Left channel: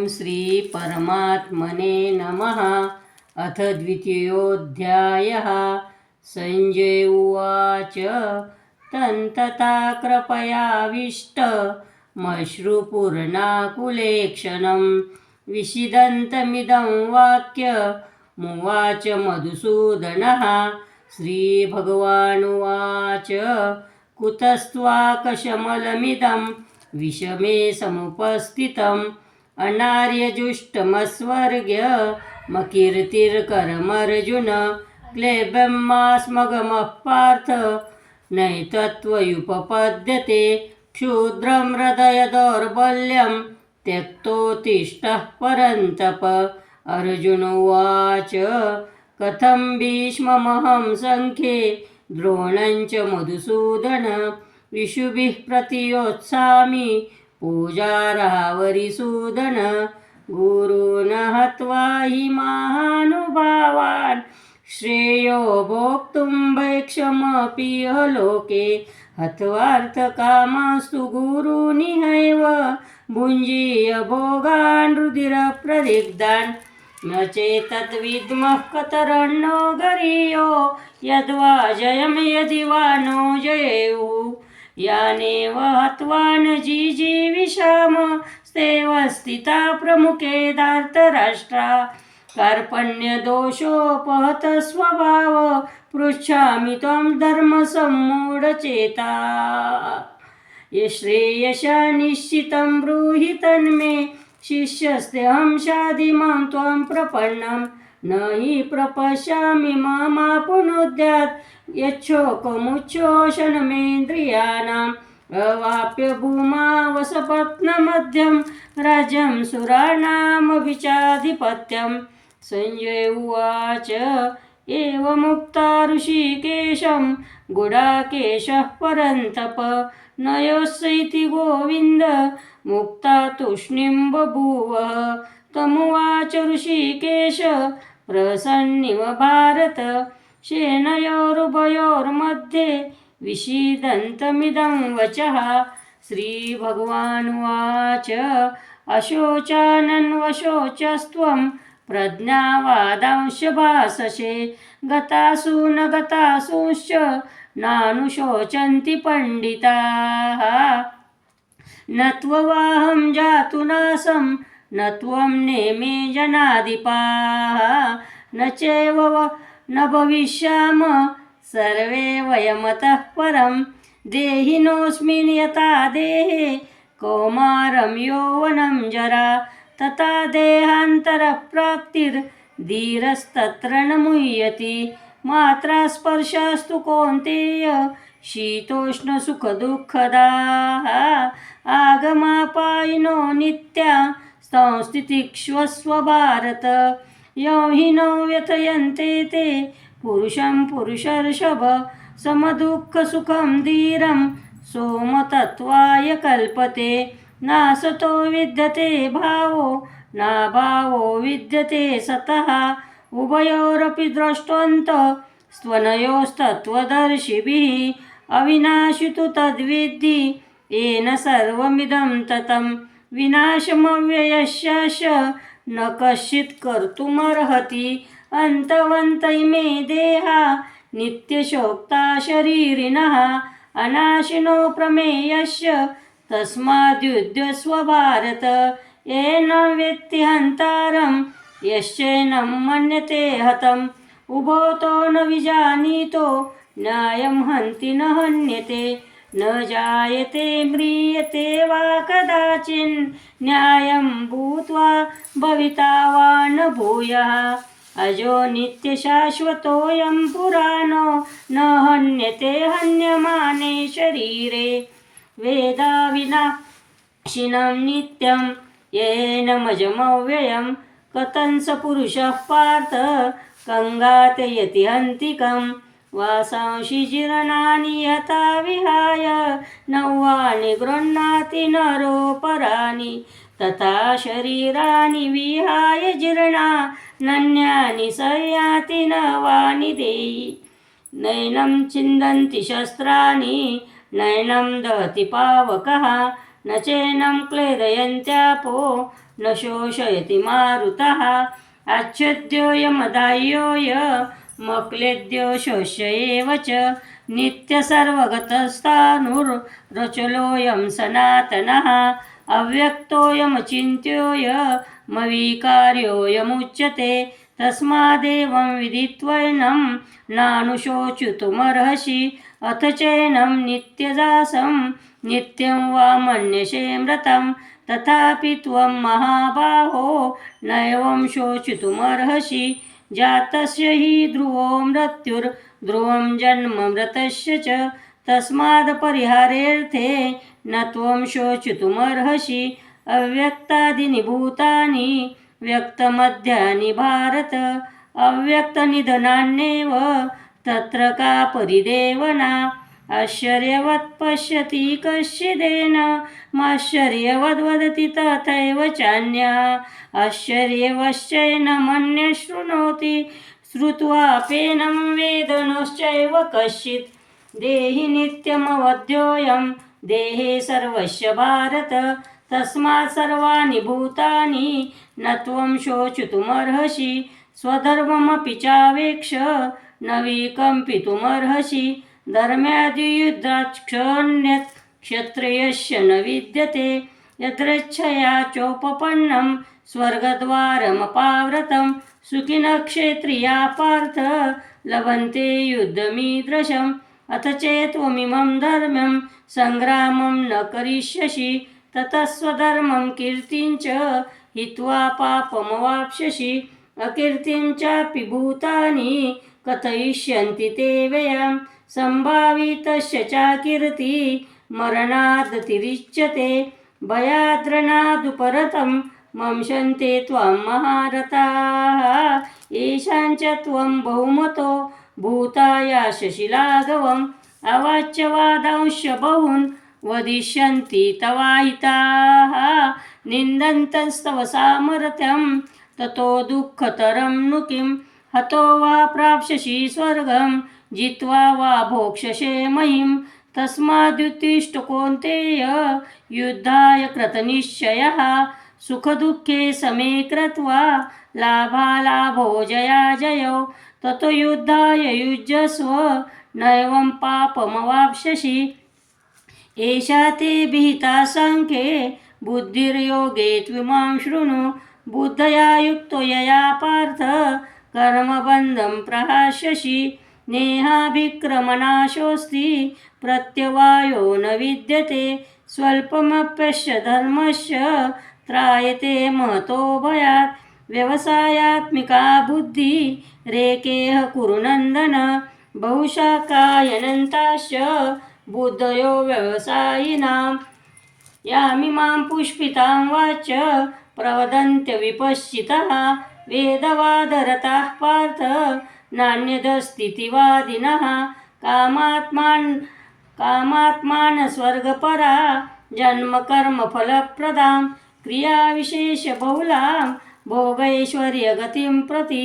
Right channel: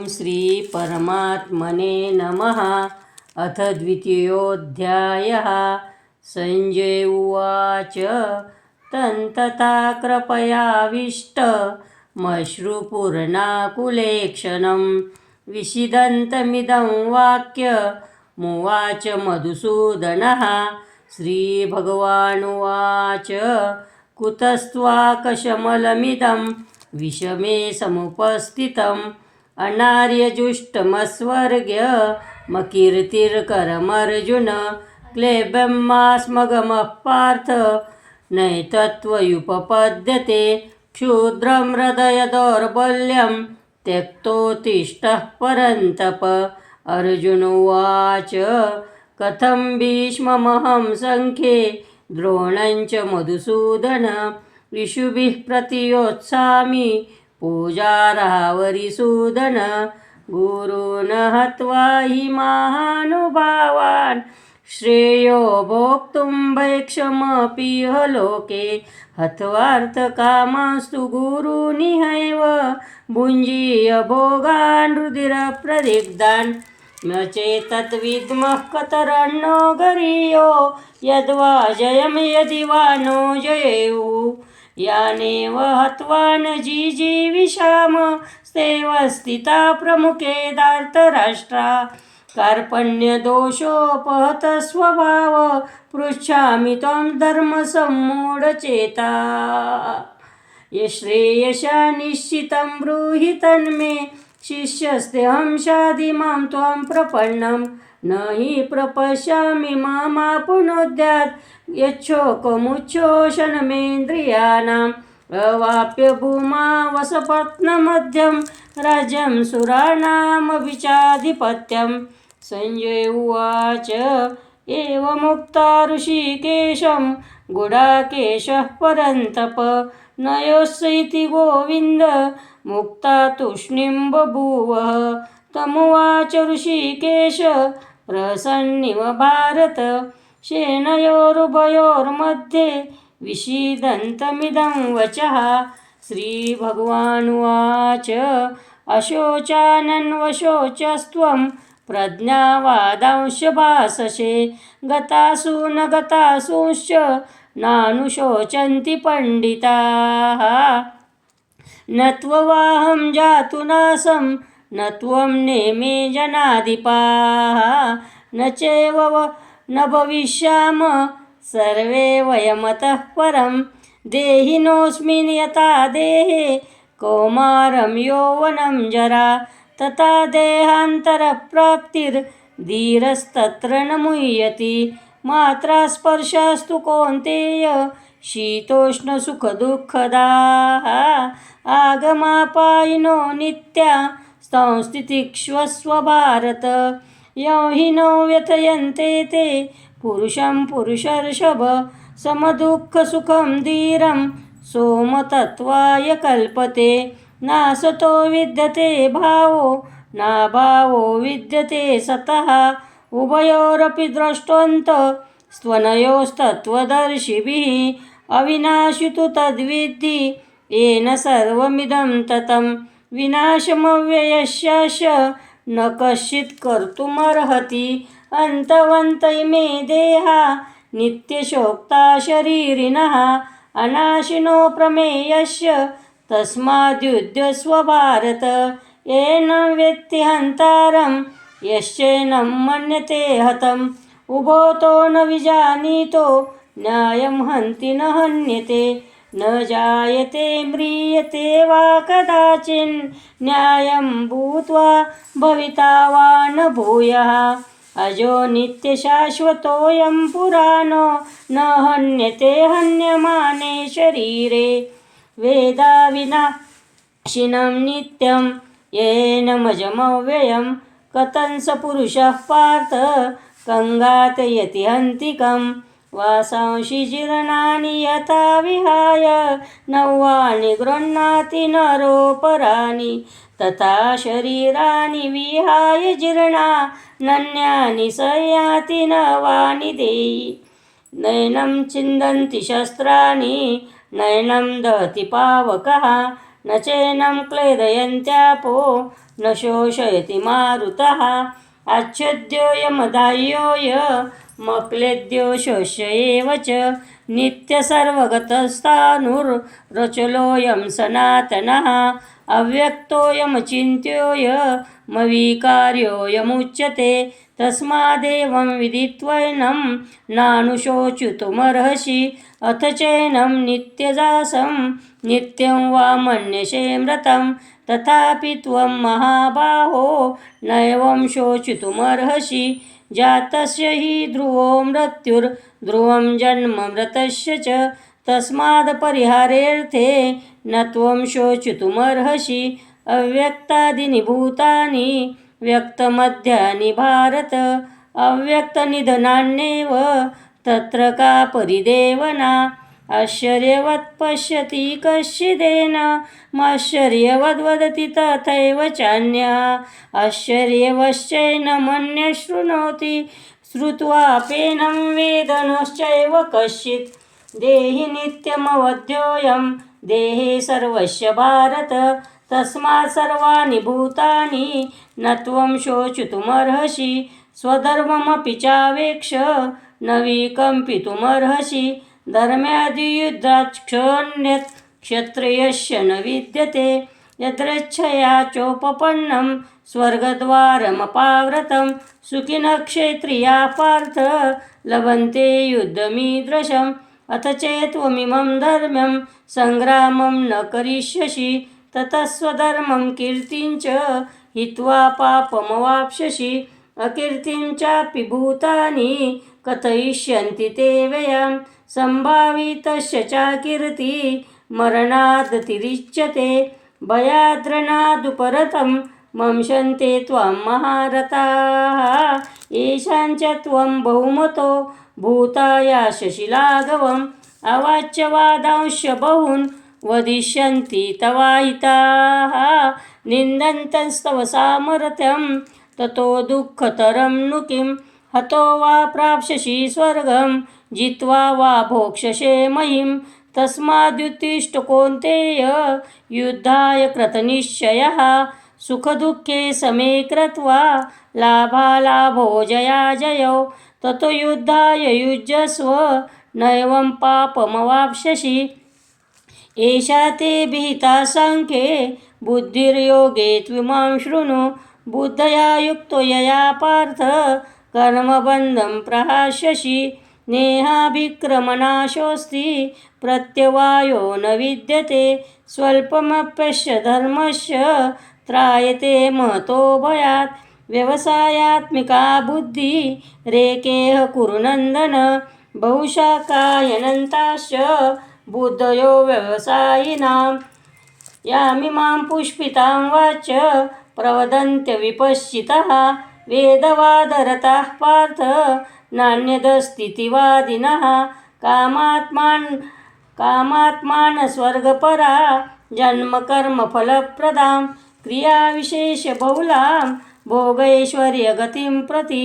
ओम श्री परमात्मने नमः। अथ द्वितीयोऽध्यायः। संजय उवाच तन्तता कृपयाविष्टमश्रुपूर्णाकुलेक्षणं विषिदन्तमिदं वाक्यमुवाच मधुसूदनः। श्रीभगवानुवाच कुतस्त्वाकशमलमिदं विषमे समुपस्थितम् अनार्यजुष्टमस्वर्ग्यमकीर्तिर्करमर्जुन क्लेबमास्मगमः पार्थ नैतत्त्वयुपपद्यते क्षुद्रं हृदय दौर्बल्यं त्यक्तोत्तिष्ठः परन्तप। अर्जुन उवाच कथं भीष्ममहं सङ्ख्ये द्रोणं च मधुसूदन ऋषिभिः प्रतियोत्सामि पूजार्हावरिसूदन। गुरून् हत्वा हि महानुभावान् श्रेयो भोक्तुं भैक्षमपीह लोके हत्वार्थकामास्तु गुरूनिहैव भुञ्जीय भोगान् रुधिरप्रदिग्धान् न चेतद्विद्मः कतरन्नो गरीयो यद्वा जयं यदि वा नो जयेयुः यानेव हत्वा न जिजीविषाम स्तेव स्थिता प्रमुखे धार्तराष्ट्रा कार्पण्यदोषोपहत स्वभाव पृच्छामि त्वं धर्मसम्मूढचेता यश्रेयसा निश्चितं ब्रूहि तन्मे शिष्यस्तेऽहं शाधिमां त्वां प्रपन्नं न हि प्रपश्यामि मामापुनोद्यात् यच्छोकमुच्छोषणमेन्द्रियाणाम् अवाप्य भूमा वसपत्नमध्यं राज्यं सुराणामभिचाधिपत्यम्। संजय उवाच एवमुक्ता ऋषिकेशं गुडाकेशः परन्तप न योऽस्य इति गोविन्द मुक्ता तूष्णीं बभूवः। तमुवाच ऋषिकेश प्रसन्निव भारत सेनयोरुभयोर्मध्ये विषीदन्तमिदं वचः। श्रीभगवानुवाच अशोचानन्वशोचस्त्वं प्रज्ञावादांश्च भाससे गतासु न गतासूंश्च नानुशोचन्ति पंडिताः। न त्ववाहं जातु नासं न त्वं नेमे जनाधिपाः न चैव न भविष्याम सर्वे वयमतः परं देहिनोऽस्मिन् यथा देहे कौमारं यौवनं जरा तथा देहान्तरप्राप्तिर्धीरस्तत्र न मुह्यति। मात्रा स्पर्शास्तु कौन्तेय शीतोष्णसुखदुःखदाः आगमापायिनो नित्या संस्थितिक्ष्वस्व भारत यं हि न व्यथयन्ते ते पुरुषं पुरुषर्षभ समदुःखसुखं धीरं सोमतत्त्वाय कल्पते नासतो विद्यते भावो नाभावो विद्यते सतः उभयोरपि द्रष्टवन्तः स्त्वनयोस्तत्त्वदर्शिभिः अविनाशि तु तद्विद्धि येन सर्वमिदं ततं विनाशमव्ययस्य न कश्चित् कर्तुमर्हति। अन्तवन्त इमे देहा नित्यशोक्ता शरीरिणः अनाशिनो प्रमेयस्य तस्माद्युध्यस्व भारत येन वेत्ति हन्तारं यश्चैनं मन्यते हतम् उभोतो न विजानीतो न्यायं हन्ति न हन्यते न जायते म्रियते वा कदाचिन्न्यायं भूत्वा भविता वा न भूयः अजो नित्यशाश्वतोऽयं पुराणो न हन्यते हन्यमाने शरीरे वेदाविनाशिनं नित्यं येनमजमव्ययं कथं स पुरुषः पार्थ कङ्गातयति हन्तिकं वासांसि जीर्णानि यथा विहाय नवानि गृह्णाति नरोपराणि तथा शरीराणि विहाय जीर्णान्यानि संयाति नवानि देहि नैनं छिन्दन्ति शस्त्राणि नैनं दहति पावकः न चैनं क्लेदयन्त्यापो न शोषयति मारुतः अच्छेद्योऽयमदाह्योऽय मक्लेद्यो शोष्य एव च नित्यसर्वगतस्तानुरचलोऽयं सनातनः अव्यक्तोऽयमचिन्त्योऽयमविकार्योऽयमुच्यते तस्मादेवं विदित्वैनं नानुशोचितुमर्हसि अथ चैनं नित्यजासं नित्यं वा मन्यसे मृतं तथापि त्वं महाबाहो नैवं शोचितुमर्हसि जातस्य हि ध्रुवो मृत्युर्ध्रुवं जन्म मृतस्य च तस्माद् परिहारेऽर्थे न त्वं शोचितुमर्हसि अव्यक्तादीनि भूतानि व्यक्तमध्यानि भारत अव्यक्तनिधनान्येव तत्र का परिदेवना आश्चर्यवत् पश्यति कश्चिदेन माश्चर्यवद्वदति तथैव चान्यः आश्चर्यवश्चैन मन्यः शृणोति श्रुत्वाप्येनं वेद नश्चैव कश्चित् देहि नित्यमवध्योऽयं देहे सर्वस्य भारत तस्मात् सर्वाणि भूतानि न त्वं शोचितुमर्हसि स्वधर्ममपि चावेक्ष न विकम्पितुमर्हसि धर्म्यादियुद्धाक्षोऽन्यत् क्षत्रियस्य न विद्यते यदृच्छया चोपपन्नं स्वर्गद्वारमपावृतं सुखिनः क्षेत्रियाः पार्थ लभन्ते युद्धमीदृशम् अथ चेत्त्वमिमं धर्म्यं सङ्ग्रामं न करिष्यसि ततः स्वधर्मं कीर्तिं च हित्वा पापमवाप्स्यसि अकीर्तिं चापि भूतानि कथयिष्यन्ति ते व्ययां सम्भावितस्य चाकीर्ति मरणादतिरिच्यते भयाद्रणादुपरतं मंशन्ते त्वां महारथाः येषां च त्वं बहुमतो भूतायास्यसि लाघवम् अवाच्यवादांश्च बहून् वदिष्यन्ति तवाहिताः निन्दन्तस्तव सामर्थ्यं ततो दुःखतरं नु किं हतो वा प्राप्स्यसि स्वर्गं जित्वा वा भोक्ष्यसे महिं तस्माद्युत्तिष्ठ कौन्तेय युद्धाय कृतनिश्चयः सुखदुःखे समे कृत्वा लाभालाभो जयाजयौ ततो युद्धाय युज्यस्व नैवं पापमवाप्स्यसि एषा ते विहिता साङ्ख्ये बुद्धिर्योगे त्विमां शृणु बुद्धया युक्तो यया पार्थ कर्मबन्धं प्रहास्यसि नेहाभिक्रमनाशोऽस्ति प्रत्यवायो न विद्यते स्वल्पमप्यस्य धर्मस्य त्रायते महतो भयात् व्यवसायात्मिका बुद्धि रेकेह कुरु नन्दन बहुशाखायनन्ताश्च बुद्धयो व्यवसायिनां यामिमां पुष्पितां वाच प्रवदन्त्य विपश्चितः वेदवादरताः पार्थ नान्यदस्तीतिवादिनः कामात्मानस्वर्गपरा जन्मकर्मफलप्रदां क्रियाविशेषबहुलां भोगैश्वर्यगतिं प्रति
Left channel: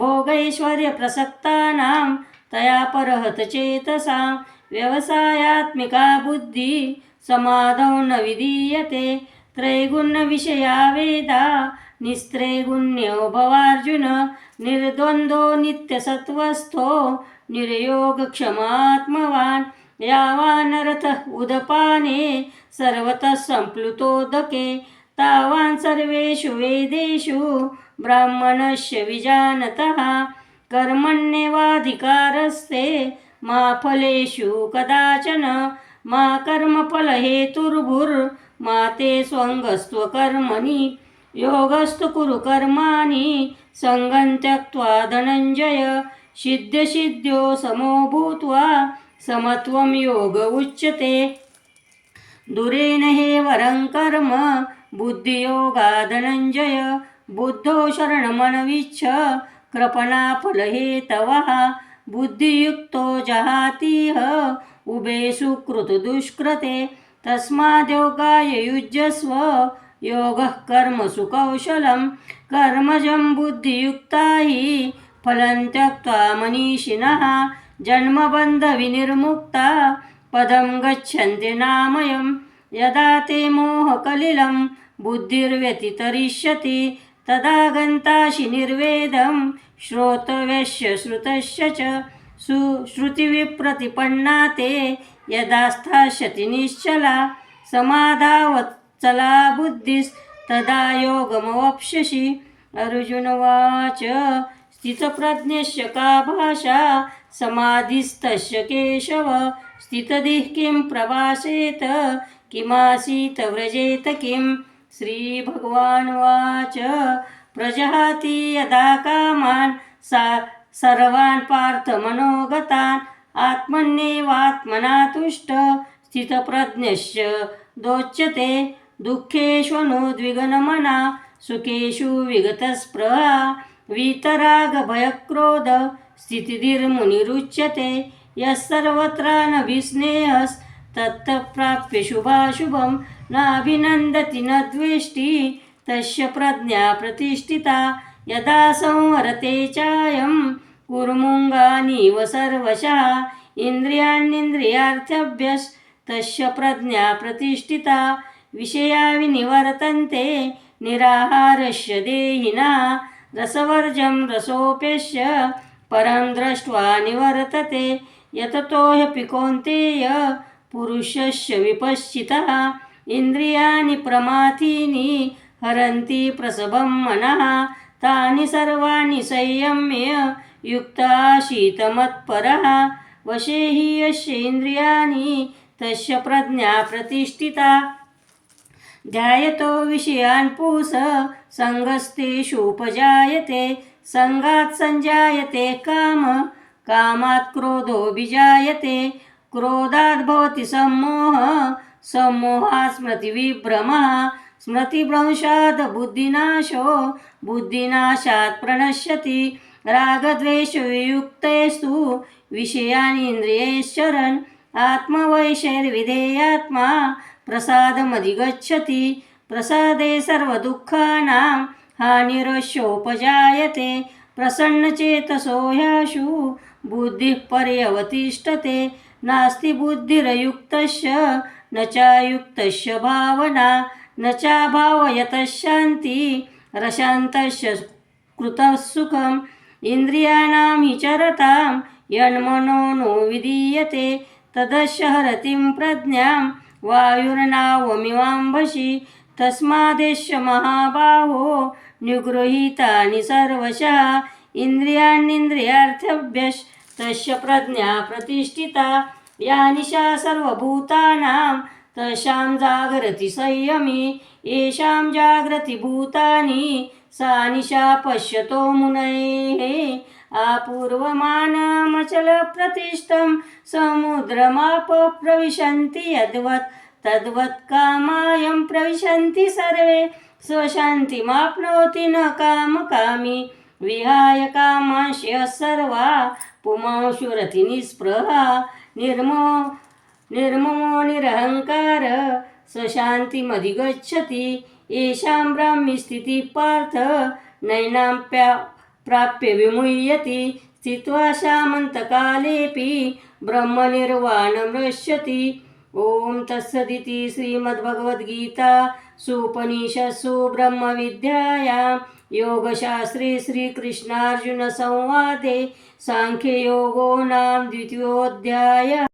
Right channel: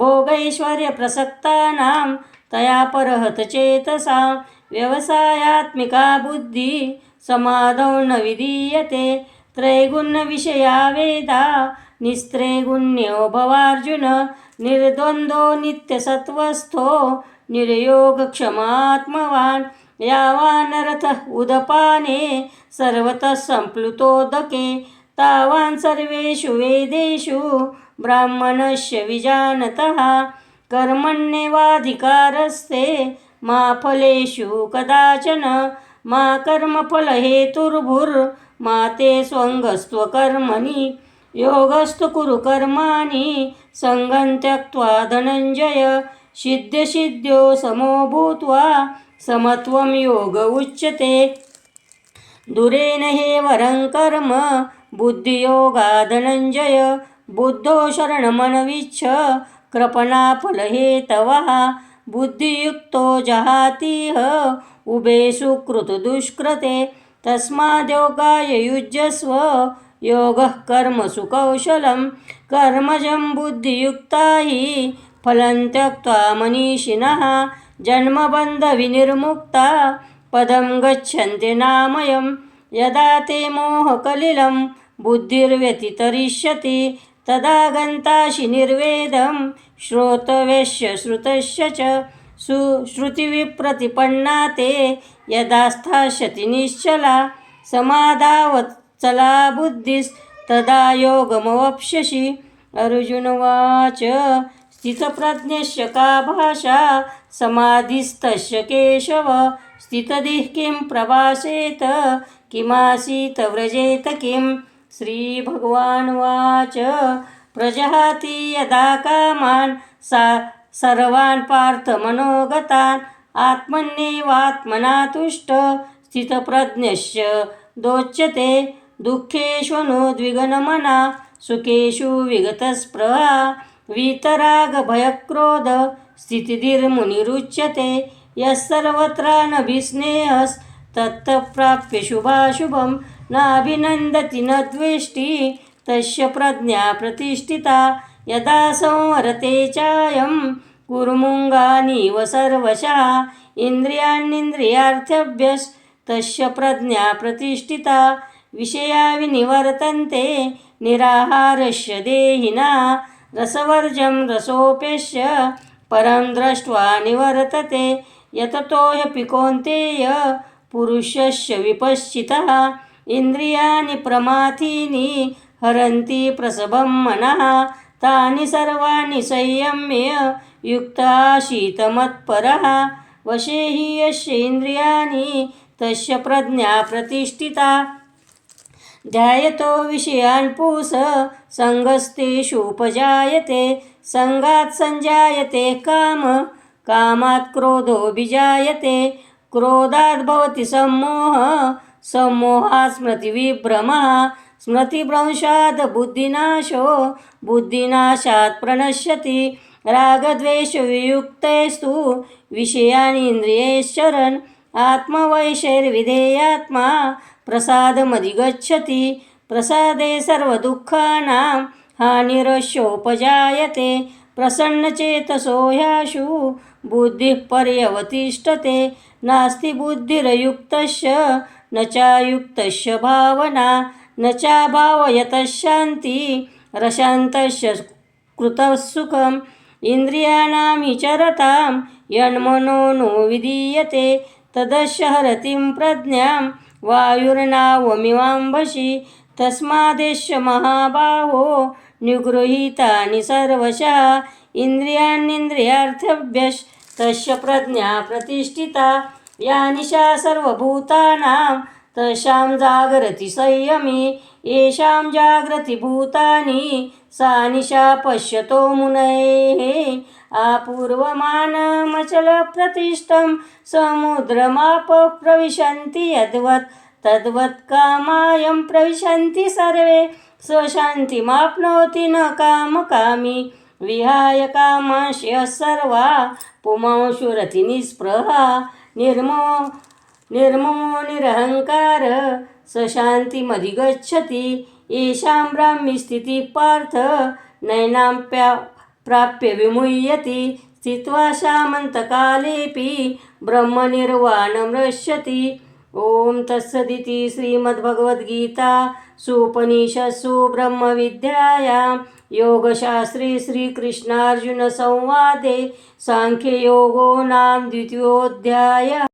भोगैश्वर्यप्रसक्तानां तया परहत चेतसां व्यवसायात्मिका बुद्धि समाधौ न विधीयते त्रैगुण्यविषया वेदा निस्त्रैगुण्यो भवार्जुन निर्द्वन्द्वो नित्यसत्त्वस्थो निर्योगक्षमात्मवान् यावानरथः उदपाने सर्वतः सम्प्लुतोदके तावान् सर्वेषु वेदेषु ब्राह्मणस्य विजानतः कर्मण्येवाधिकारस्ते मा फलेषु कदाचन मा कर्मफलहेतुर्भुर्मा ते स्वङ्गस्त्वकर्मणि योगस्तु कुरु कर्माणि सङ्गं त्यक्त्वा धनञ्जय सिद्ध्यसिद्ध्यो समो भूत्वा समत्वं योग उच्यते दुरेण हेवरं कर्म बुद्धियोगा धनञ्जय बुद्धो शरणमनविच्छ कृपणाफलहेतवः बुद्धियुक्तो जहातीह उभे सुकृतदुष्कृते तस्माद्योगाय युज्यस्व योगः कर्मसु कौशलं कर्मजं बुद्धियुक्ता हि फलं त्यक्त्वा मनीषिणः जन्मबन्धविनिर्मुक्ता पदं गच्छन्ति नामयं यदा ते मोहकलिलं बुद्धिर्व्यतितरिष्यति तदा गन्तासि निर्वेदं श्रोतव्यस्य श्रुतस्य च श्रुतिविप्रतिपन्ना ते यदा स्थास्यति निश्चला समाधावत्सला बुद्धिस्तदा योगमवाप्स्यसि। अर्जुनोवाच स्थितप्रज्ञस्य का भाषा समाधिस्तस्य केशव स्थितधिः किं प्रभाषेत किमासीत व्रजेत किम्। श्रीभगवानुवाच प्रजहाति यदा कामान् सर्वान् पार्थमनोगतान् आत्मन्येवात्मना तुष्ट स्थितप्रज्ञस्य दोच्यते दुःखेष्वनुद्विग्नमना सुखेषु विगतस्पृहा वीतरागभयक्रोध स्थितिर्मुनिरुच्यते। यः सर्वत्रानभिस्नेहस्तत्तत्प्राप्य शुभाशुभं नाभिनन्दति न द्वेष्टि तस्य प्रज्ञा प्रतिष्ठिता। यदा संवरते चायं कुर्मुङ्गानीव सर्वशः इन्द्रियाणीन्द्रियार्थेभ्यस्तस्य प्रज्ञा प्रतिष्ठिता। विषया विनिवर्तन्ते निराहारस्य देहिनः रसवर्जं रसोऽप्यस्य परं दृष्ट्वा निवर्तते। यततो ह्यपि कौन्तेय पुरुषस्य विपश्चितः इन्द्रियाणि प्रमाथीनि हरन्ति प्रसभं मनः तानि सर्वाणि संयम्य युक्तासीत मत्परः वशे हि यस्य इन्द्रियाणि तस्य प्रज्ञा प्रतिष्ठिता। ध्यायतो विषयान् पुंसः सङ्गस्तेषुपजायते सङ्गात् सञ्जायते कामः कामात् क्रोधोऽभिजायते क्रोधात् भवति सम्मोहः सम्मोहात् स्मृतिविभ्रमः स्मृतिभ्रंशात् बुद्धिनाशो बुद्धिनाशात् प्रणश्यति। रागद्वेषवियुक्तेस्तु विषयानीन्द्रियैश्चरन् आत्मवैषैर्विधेयात्मा प्रसादमधिगच्छति। प्रसादे सर्वदुःखानां हानिरस्योपजायते प्रसन्नचेतसो ह्याशु बुद्धिः पर्यवतिष्ठते। नास्ति बुद्धिरयुक्तस्य न चायुक्तस्य भावना न चाभावयतः शान्तिरशान्तस्य कृतः सुखम्। इन्द्रियाणां हि चरतां यन्मनो नो विधीयते तदस्य हरतिं प्रज्ञां वायुर्नावमिवाम्भसि। तस्मादेष महाबाहो निगृहीतानि सर्वशः इन्द्रियाणीन्द्रियार्थेभ्यस्तस्य प्रज्ञा प्रतिष्ठिता। या निशा सर्वभूतानां तस्यां जागरति संयमी येषां जागृति भूतानि सा निशा पश्यतो मुनयः। आपूर्वमानमचलप्रतिष्ठं समुद्रमापः प्रविशन्ति यद्वत् तद्वत् कामायं प्रविशन्ति सर्वे स्वशान्तिमाप्नोति न कामकामी विहाय कामांश्च सर्वा पुमांशुरति निःस्पृहा निर्ममो निरहङ्कार स शान्तिमधिगच्छति। येषां ब्राह्मी स्थितिः पार्थ नैनां प्राप्य विमुह्यति स्थित्वा सामन्तकालेऽपि ब्रह्मनिर्वाणमृष्यति। ॐ तत्सदिति श्रीमद्भगवद्गीतासूपनिषत्सु ब्रह्मविद्यायां योगशास्त्रे श्रीकृष्णार्जुनसंवादे साङ्ख्ययोगो नाम द्वितीयोऽध्यायः।